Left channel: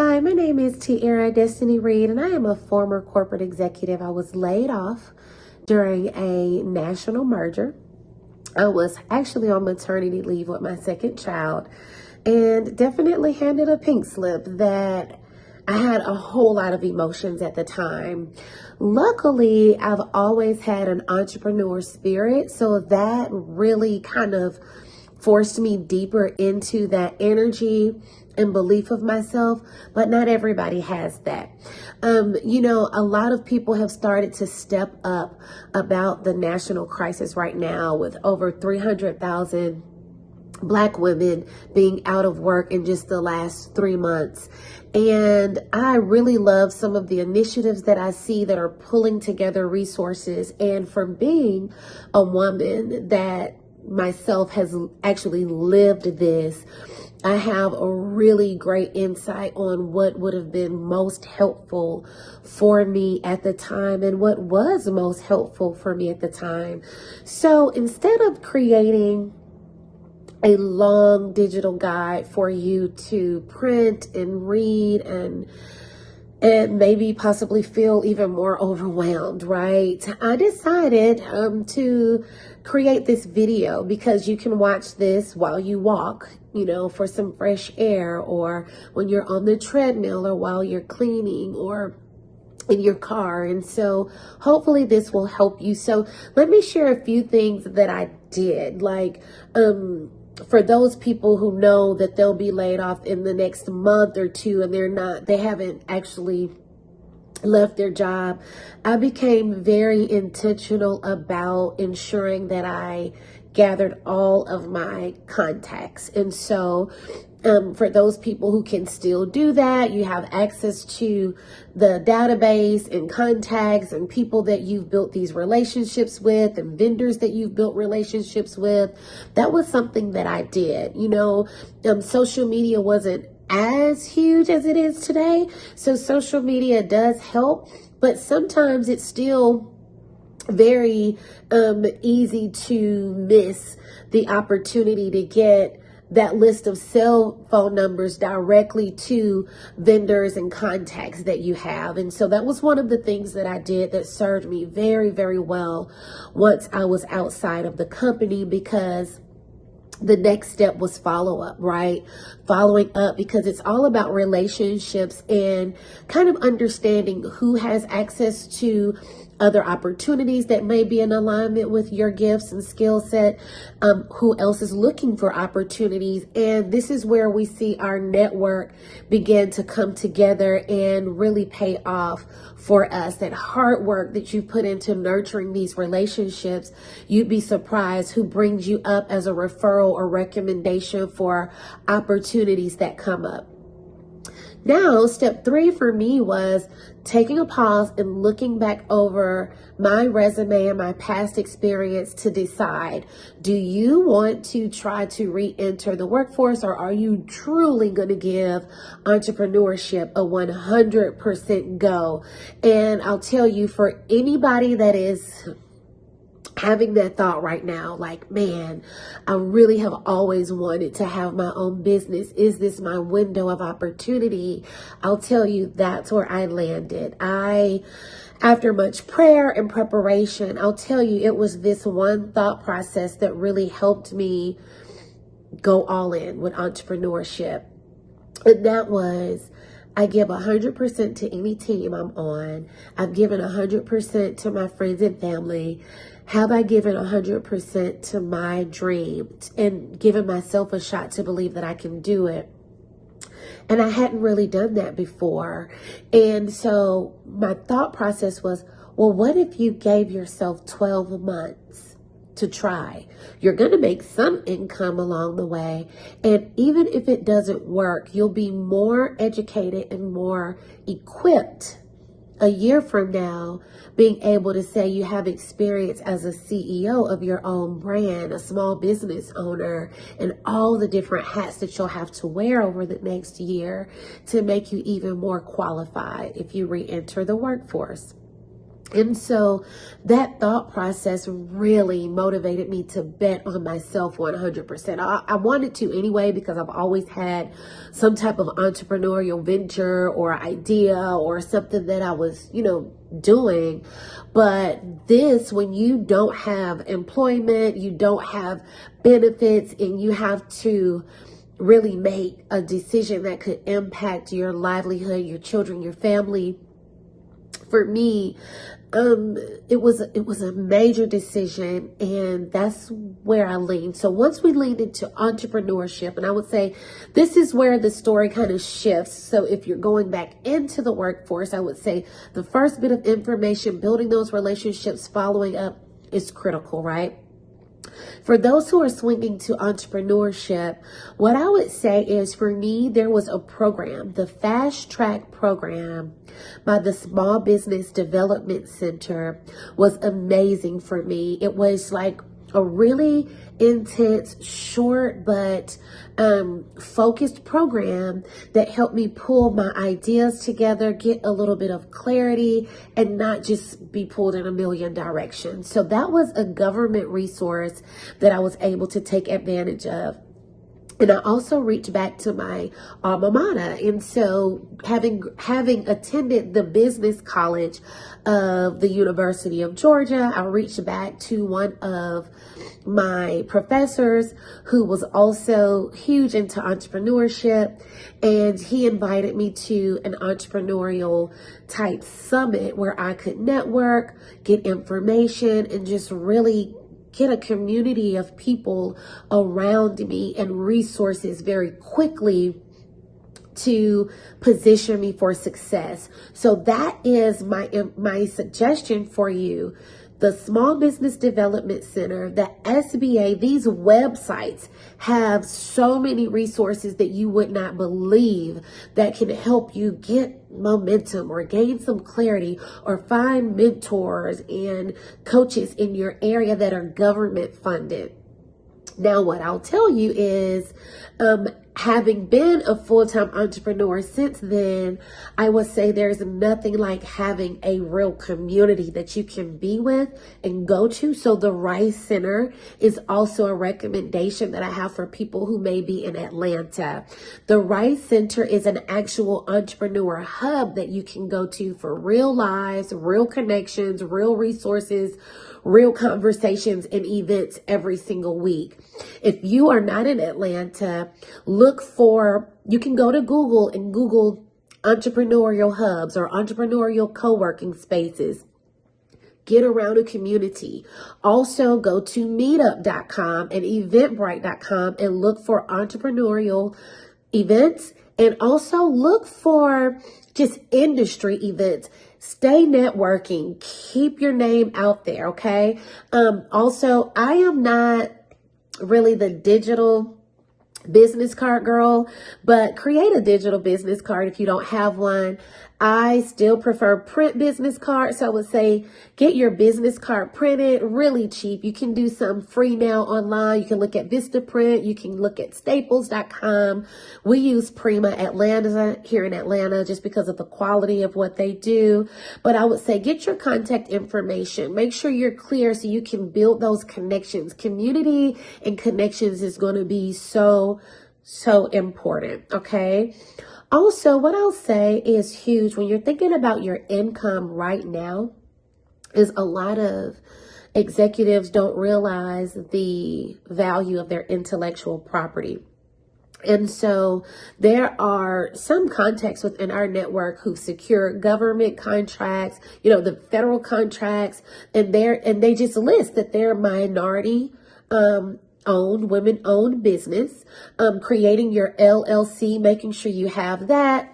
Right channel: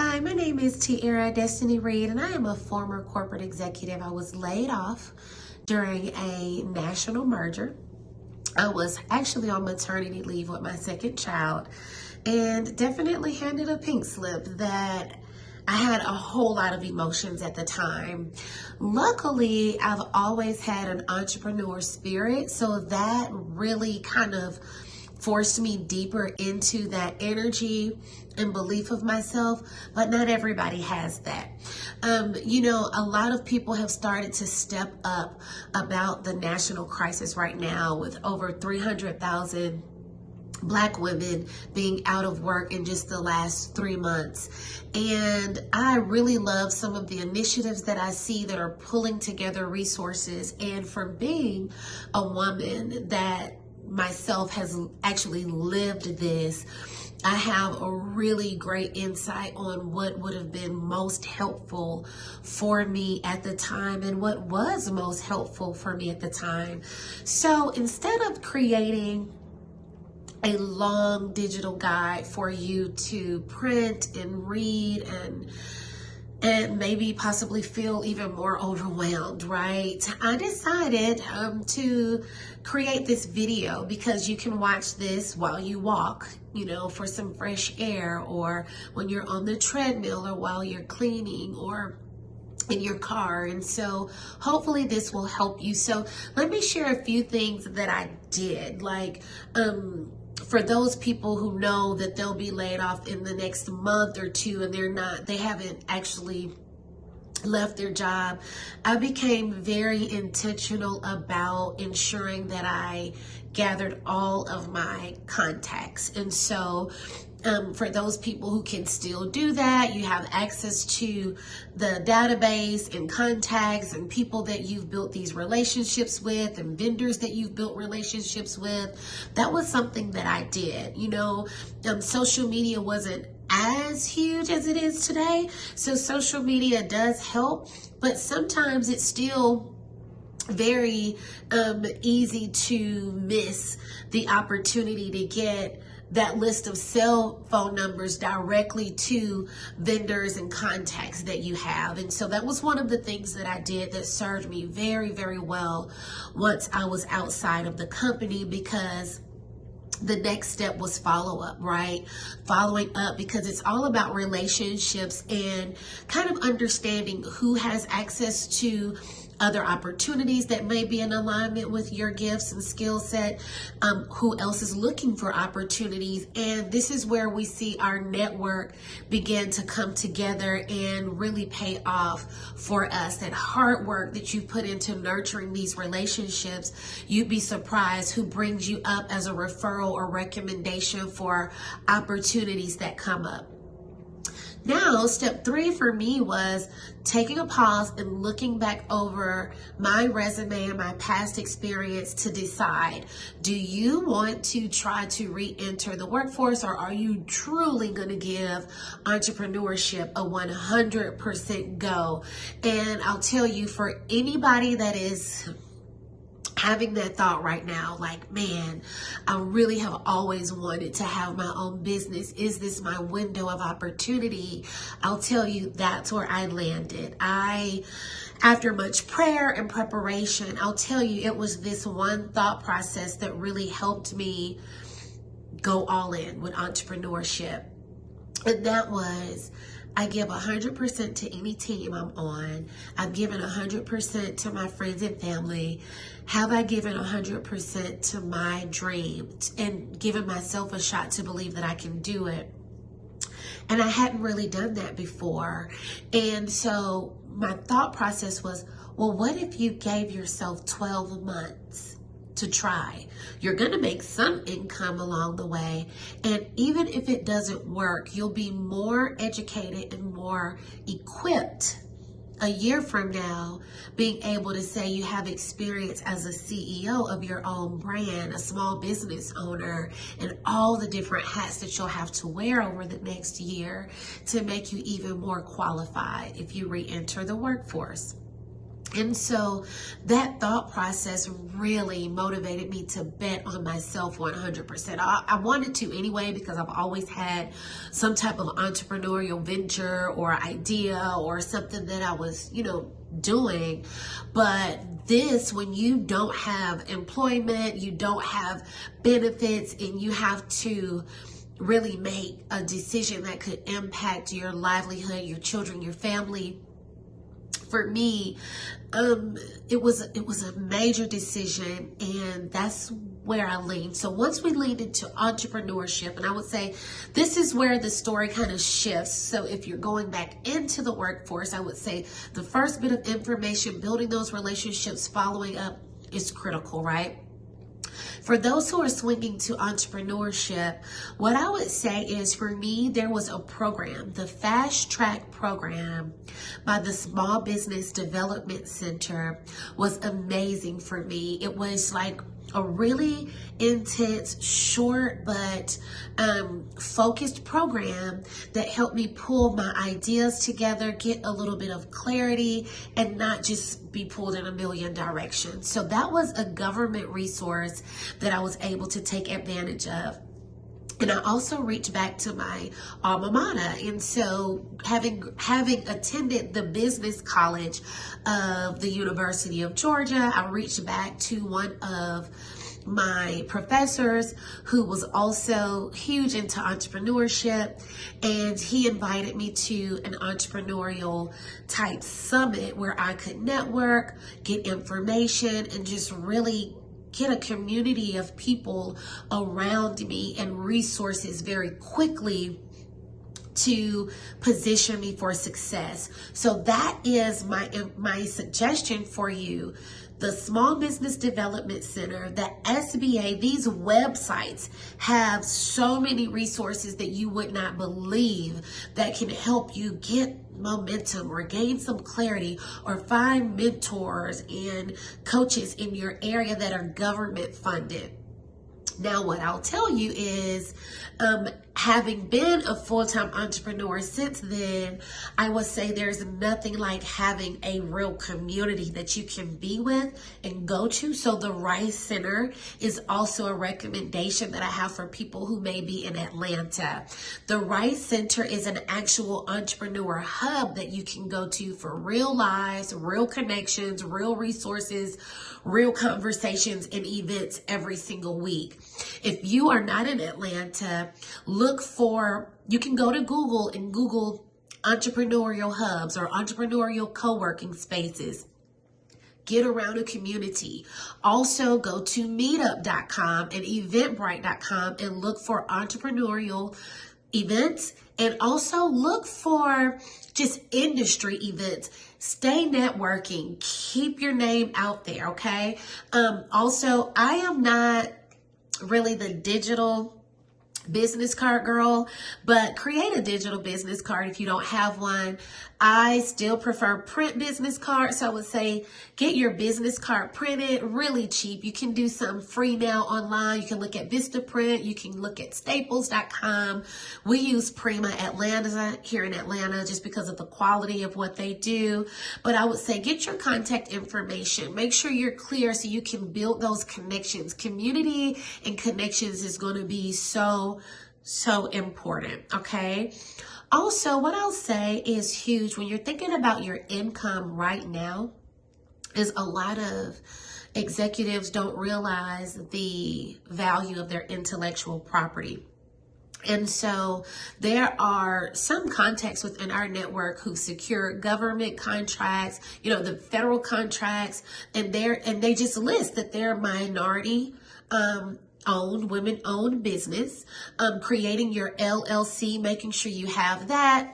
Hi, my name is Tiara Destiny Reed, and I am a former corporate executive. I was laid off during a national merger. I was actually on maternity leave with my second child and definitely handed a pink slip that I had a whole lot of emotions at the time. Luckily, I've always had an entrepreneur spirit, so that really kind of forced me deeper into that energy and belief of myself, but not everybody has that. A lot of people have started to step up about the national crisis right now, with over 300,000 Black women being out of work in just the last 3 months. And I really love some of the initiatives that I see that are pulling together resources. And from being a woman that myself has actually lived this, I have a really great insight on what would have been most helpful for me at the time and what was most helpful for me at the time. So instead of creating a long digital guide for you to print and read and maybe possibly feel even more overwhelmed, right? I decided to create this video because you can watch this while you walk, for some fresh air, or when you're on the treadmill, or while you're cleaning, or in your car. And so hopefully this will help you. So let me share a few things that I did. For those people who know that they'll be laid off in the next month or two and they haven't actually left their job, I became very intentional about ensuring that I gathered all of my contacts. And so for those people who can still do that, you have access to the database and contacts and people that you've built these relationships with and vendors that you've built relationships with. That was something that I did. Social media wasn't as huge as it is today. So social media does help, but sometimes it's still very easy to miss the opportunity to get that list of cell phone numbers directly to vendors and contacts that you have. And so that was one of the things that I did that served me very, very well once I was outside of the company, because the next step was follow up, right? Following up, because it's all about relationships and kind of understanding who has access to other opportunities that may be in alignment with your gifts and skill set, who else is looking for opportunities. And this is where we see our network begin to come together and really pay off for us. That hard work that you put into nurturing these relationships, you'd be surprised who brings you up as a referral or recommendation for opportunities that come up. Now, step 3 for me was taking a pause and looking back over my resume and my past experience to decide, do you want to try to re-enter the workforce, or are you truly going to give entrepreneurship a 100% go? And I'll tell you, for anybody that is having that thought right now, like, man, I really have always wanted to have my own business. Is this my window of opportunity? I'll tell you, that's where I landed. After much prayer and preparation, I'll tell you, it was this one thought process that really helped me go all in with entrepreneurship. And that was, I give 100% to any team I'm on. I've given 100% to my friends and family. Have I given 100% to my dream and given myself a shot to believe that I can do it? And I hadn't really done that before. And so my thought process was, well, what if you gave yourself 12 months to try? You're going to make some income along the way. And even if it doesn't work, you'll be more educated and more equipped a year from now, being able to say you have experience as a CEO of your own brand, a small business owner, and all the different hats that you'll have to wear over the next year to make you even more qualified if you re-enter the workforce. And so that thought process really motivated me to bet on myself 100%. I wanted to anyway, because I've always had some type of entrepreneurial venture or idea or something that I was, doing. But this, when you don't have employment, you don't have benefits, and you have to really make a decision that could impact your livelihood, your children, your family. For me, it was a major decision, and that's where I leaned. So once we leaned into entrepreneurship, and I would say this is where the story kind of shifts. So if you're going back into the workforce, I would say the first bit of information, building those relationships, following up is critical, right? For those who are swinging to entrepreneurship, what I would say is, for me, there was a program, the Fast Track program by the Small Business Development Center was amazing for me. It was like a really intense, short, but focused program that helped me pull my ideas together, get a little bit of clarity, and not just be pulled in a million directions. So that was a government resource that I was able to take advantage of. And I also reached back to my alma mater. And so having attended the business college of the University of Georgia, I reached back to one of my professors who was also huge into entrepreneurship, and he invited me to an entrepreneurial type summit where I could network, get information, and just really get a community of people around me and resources very quickly to position me for success. So that is my suggestion for you. The Small Business Development Center, the SBA, these websites have so many resources that you would not believe that can help you get momentum or gain some clarity or find mentors and coaches in your area that are government funded. Now, what I'll tell you is, having been a full-time entrepreneur since then, I would say there's nothing like having a real community that you can be with and go to. So the Rice Center is also a recommendation that I have for people who may be in Atlanta. The Rice Center is an actual entrepreneur hub that you can go to for real lives, real connections, real resources, real conversations, and events every single week. If you are not in Atlanta, you can go to Google and Google entrepreneurial hubs or entrepreneurial co-working spaces. Get around a community. Also go to meetup.com and eventbrite.com and look for entrepreneurial events, and also look for just industry events. Stay networking. Keep your name out there, okay? Also, I am not really the digital business card girl, but create a digital business card if you don't have one. I still prefer print business cards. So I would say get your business card printed, really cheap. You can do some free now online. You can look at Vistaprint. You can look at staples.com. We use Prima Atlanta here in Atlanta just because of the quality of what they do. But I would say get your contact information. Make sure you're clear so you can build those connections. Community and connections is going to be so important, okay? Also, what I'll say is huge when you're thinking about your income right now is a lot of executives don't realize the value of their intellectual property. And so there are some contacts within our network who secure government contracts, the federal contracts, and they just list that they're minority owned, women-owned business, creating your LLC, making sure you have that.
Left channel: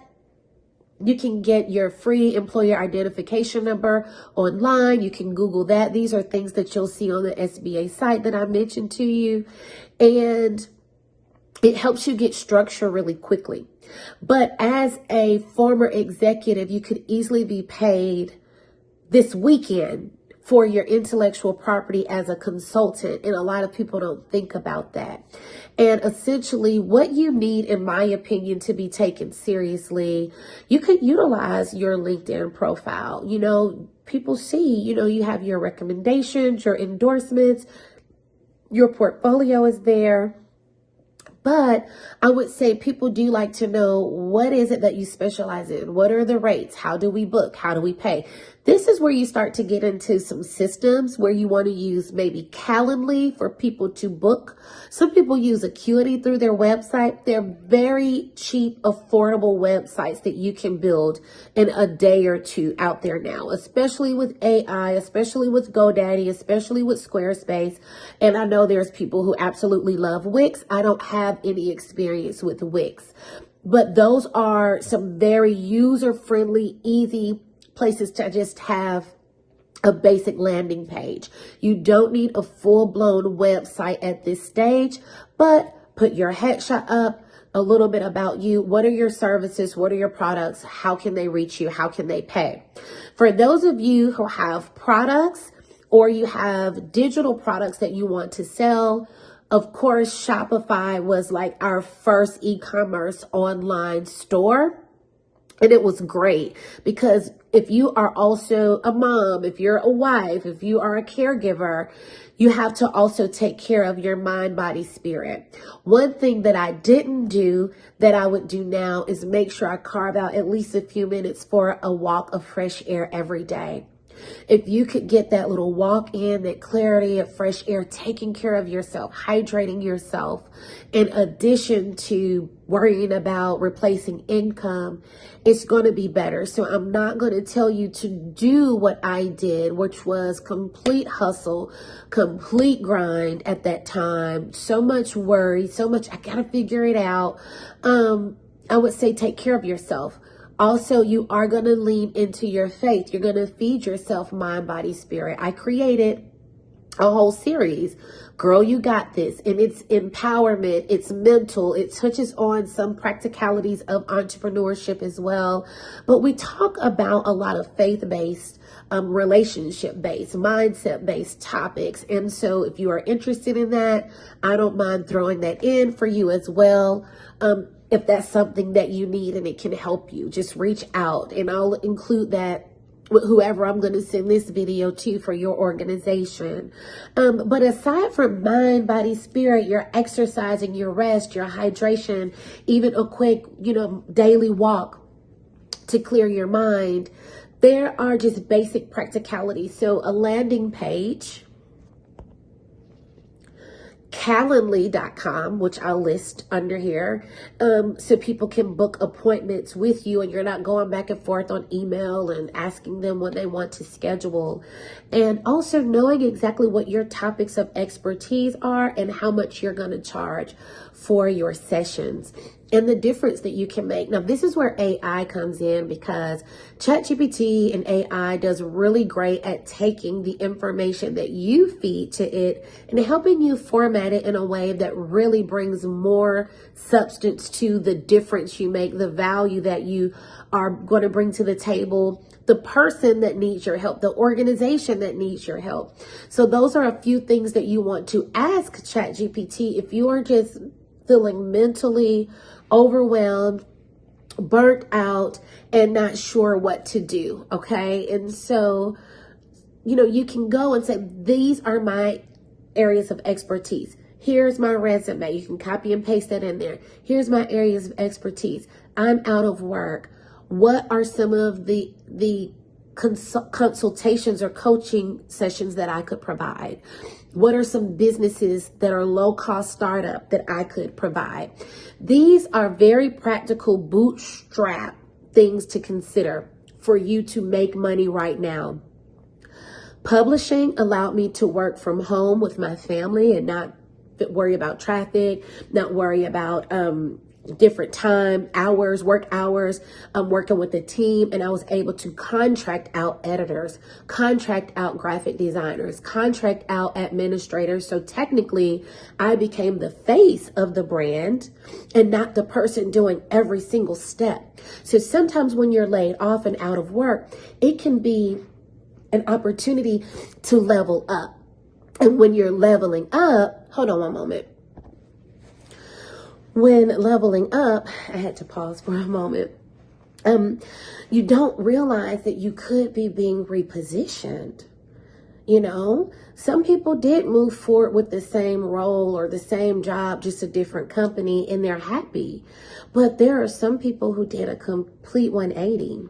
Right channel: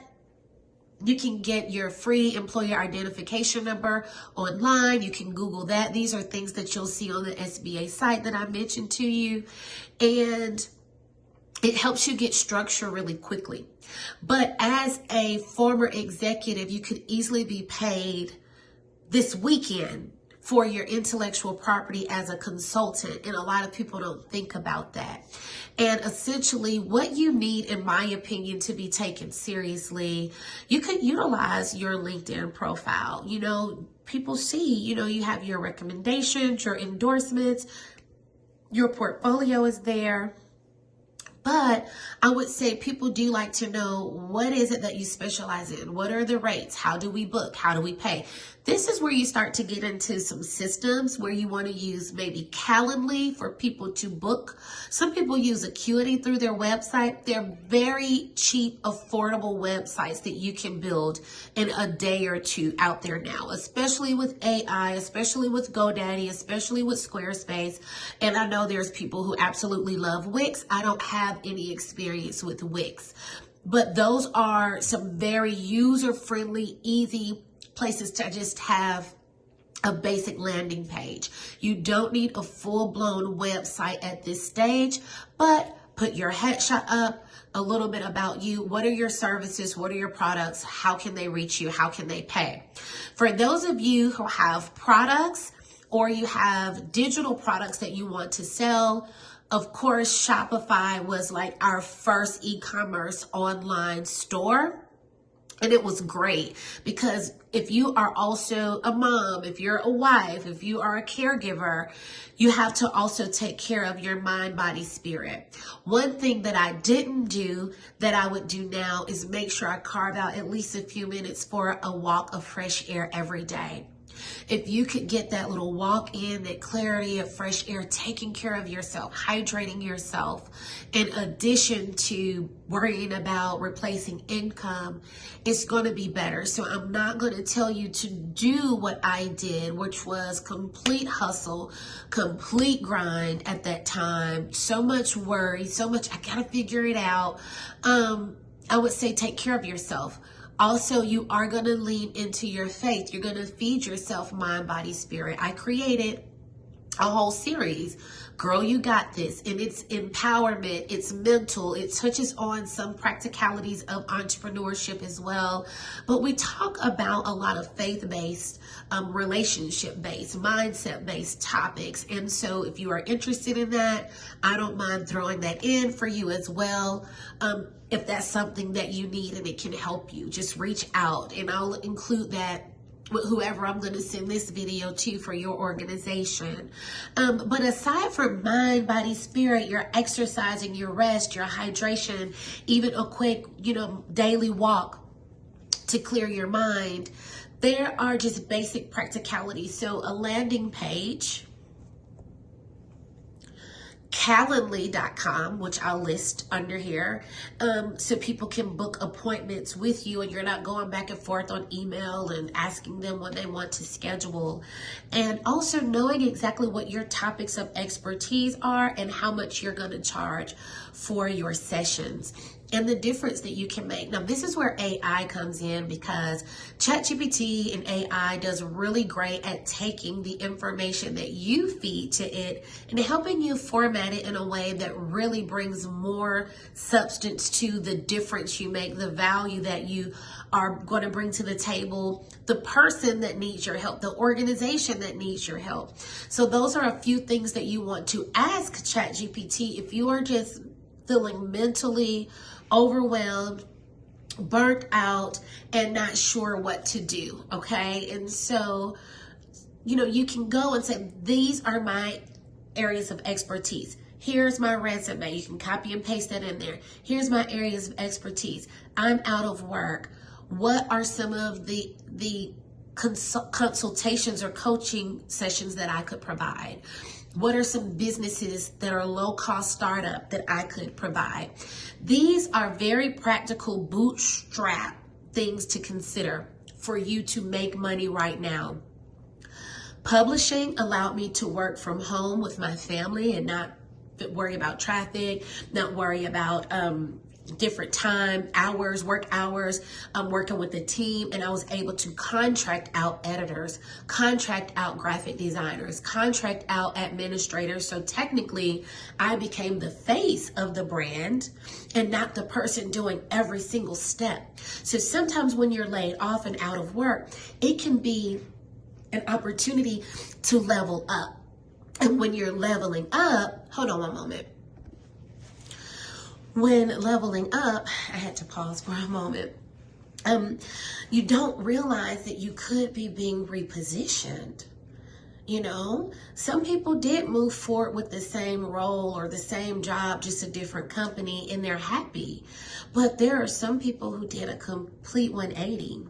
You can get your free employer identification number online. You can Google that. These are things that you'll see on the SBA site that I mentioned to you. And it helps you get structure really quickly. But as a former executive, you could easily be paid this weekend for your intellectual property as a consultant. And a lot of people don't think about that. And essentially what you need, in my opinion, to be taken seriously, you could utilize your LinkedIn profile. You know, people see, you know, you have your recommendations, your endorsements, your portfolio is there. But I would say people do like to know, what is it that you specialize in? What are the rates? How do we book? How do we pay? This is where you start to get into some systems where you want to use maybe Calendly for people to book. Some people use Acuity through their website. They're very cheap, affordable websites that you can build in a day or two out there now, especially with AI, especially with GoDaddy, especially with Squarespace. And I know there's people who absolutely love Wix. I don't have any experience with Wix, but those are some very user-friendly, easy places to just have a basic landing page. You don't need a full-blown website at this stage, but put your headshot up, a little bit about you. What are your services? What are your products? How can they reach you? How can they pay? For those of you who have products or you have digital products that you want to sell, of course, Shopify was like our first e-commerce online store. And it was great because if you are also a mom, if you're a wife, if you are a caregiver, you have to also take care of your mind, body, spirit. One thing that I didn't do that I would do now is make sure I carve out at least a few minutes for a walk of fresh air every day. If you could get that little walk in, that clarity of fresh air, taking care of yourself, hydrating yourself, in addition to worrying about replacing income, it's going to be better. So I'm not going to tell you to do what I did, which was complete hustle, complete grind at that time. So much worry, so much, I got to figure it out. I would say take care of yourself. Also, you are going to lean into your faith. You're going to feed yourself mind, body, spirit. I created a whole series, Girl, You Got This, and it's empowerment, it's mental, it touches on some practicalities of entrepreneurship as well. But we talk about a lot of faith-based, relationship-based, mindset-based topics. And so if you are interested in that, I don't mind throwing that in for you as well. If that's something that you need and it can help you, just reach out and I'll include that with whoever I'm going to send this video to for your organization. But aside from mind, body, spirit, your exercising, your rest, your hydration, even a quick, daily walk to clear your mind, there are just basic practicalities. So a landing page, Calendly.com, which I'll list under here, so people can book appointments with you and you're not going back and forth on email and asking them when they want to schedule. And also knowing exactly what your topics of expertise are and how much you're going to charge for your sessions and the difference that you can make. Now, this is where AI comes in because ChatGPT and AI does really great at taking the information that you feed to it and helping you format it in a way that really brings more substance to the difference you make, the value that you are going to bring to the table, the person that needs your help, the organization that needs your help. So those are a few things that you want to ask ChatGPT if you are just feeling mentally overwhelmed, burnt out, and not sure what to do, okay? And so, you can go and say, these are my areas of expertise. Here's my resume. You can copy and paste that in there. Here's my areas of expertise. I'm out of work. What are some of the consultations or coaching sessions that I could provide? What are some businesses that are low-cost startup that I could provide? These are very practical bootstrap things to consider for you to make money right now. Publishing allowed me to work from home with my family and not worry about traffic, not worry about different work hours. I'm working with a team and I was able to contract out editors, contract out graphic designers, contract out administrators. So technically I became the face of the brand and not the person doing every single step. So sometimes when you're laid off and out of work, it can be an opportunity to level up. And when you're leveling up, hold on one moment. When leveling up, I had to pause for a moment. You don't realize that you could be being repositioned. You know, some people did move forward with the same role or the same job, just a different company, and they're happy. But there are some people who did a complete 180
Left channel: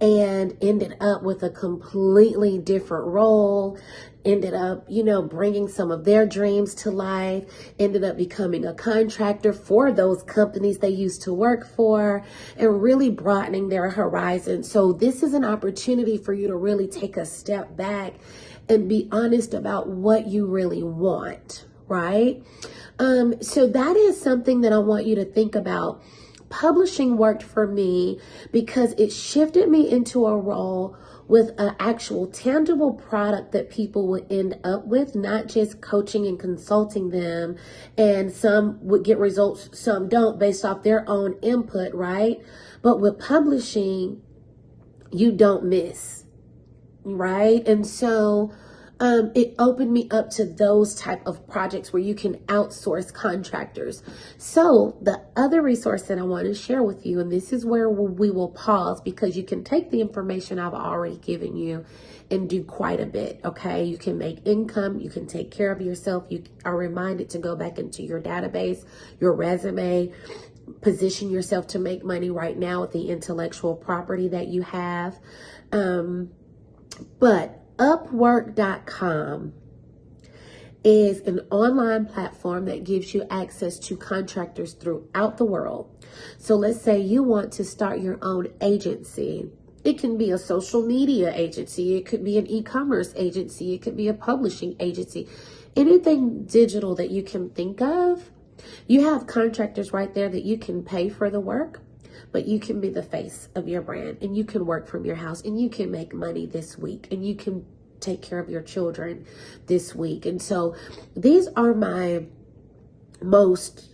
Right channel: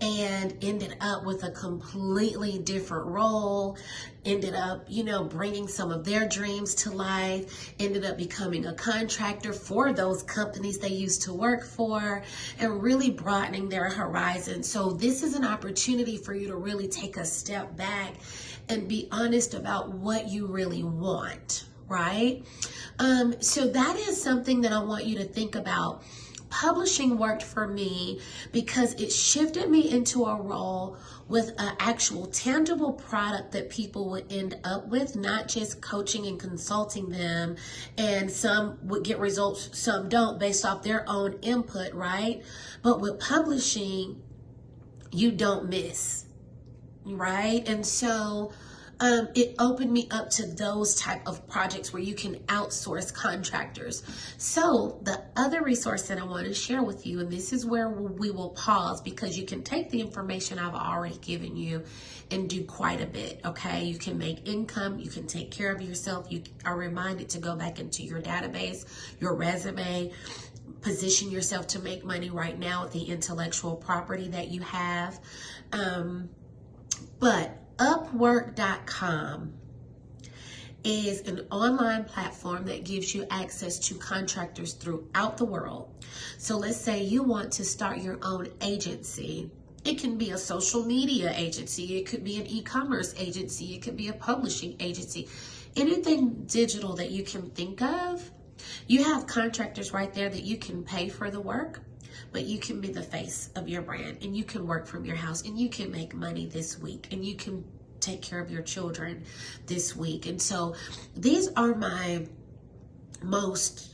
and ended up with a completely different role, ended up, bringing some of their dreams to life, ended up becoming a contractor for those companies they used to work for, and really broadening their horizon. So this is an opportunity for you to really take a step back and be honest about what you really want, right? So that is something that I want you to think about. Publishing worked for me because it shifted me into a role with an actual tangible product that people would end up with, not just coaching and consulting them. And some would get results, some don't, based off their own input, right? But with publishing, you don't miss, right? And so it opened me up to those type of projects where you can outsource contractors. So the other resource that I want to share with you, and this is where we will pause, because you can take the information I've already given you and do quite a bit, okay? You can make income, you can take care of yourself, you are reminded to go back into your database, your resume, position yourself to make money right now with the intellectual property that you have. But Upwork.com is an online platform that gives you access to contractors throughout the world. So let's say you want to start your own agency. It can be a social media agency. It could be an e-commerce agency. It could be a publishing agency. Anything digital that you can think of. You have contractors right there that you can pay for the work, but you can be the face of your brand, and you can work from your house, and you can make money this week, and you can take care of your children this week. And so these are my most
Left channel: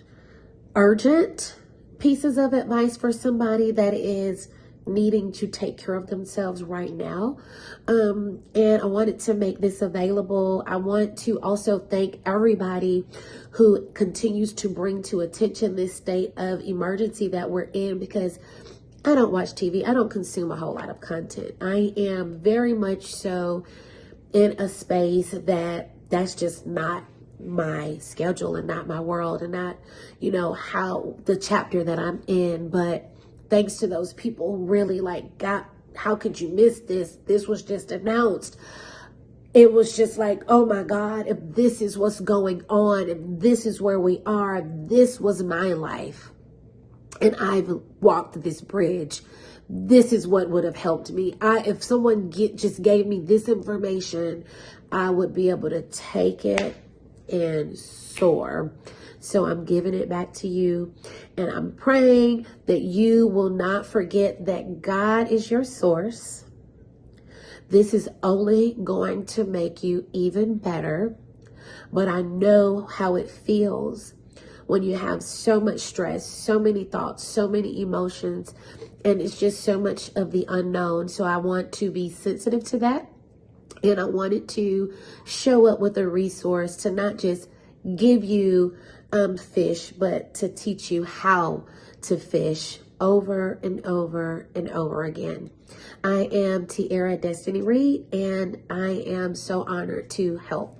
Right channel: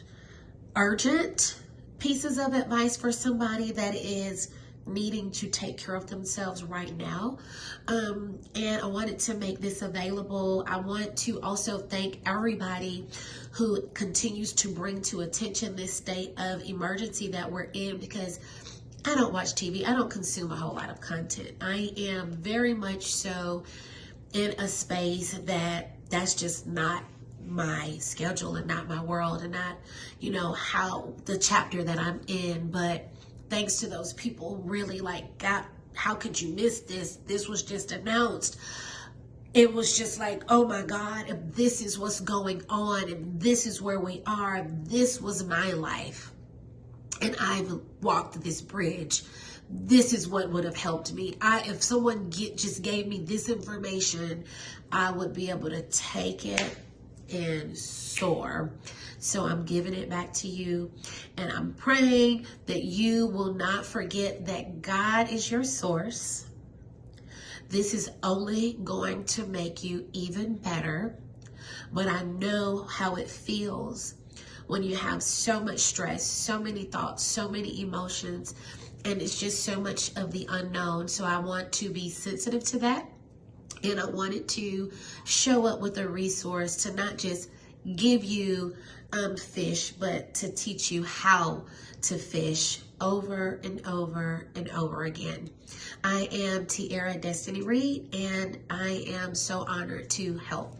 urgent pieces of advice for somebody that is needing to take care of themselves right now. And I wanted to make this available. I want to also thank everybody who continues to bring to attention this state of emergency that we're in, because I don't watch TV. I don't consume a whole lot of content. I am very much so in a space that's just not my schedule and not my world and not, how the chapter that I'm in. But thanks to those people who really how could you miss this? This was just announced. It was just like, oh my God, if this is what's going on and this is where we are, this was my life. And I've walked this bridge. This is what would have helped me. If someone just gave me this information, I would be able to take it and soar. So I'm giving it back to you, and I'm praying that you will not forget that God is your source. This is only going to make you even better, but I know how it feels when you have so much stress, so many thoughts, so many emotions, and it's just so much of the unknown. So I want to be sensitive to that, and I wanted to show up with a resource to not just give you fish, but to teach you how to fish over and over and over again. I am Tiara Destiny Reed, and I am so honored to help.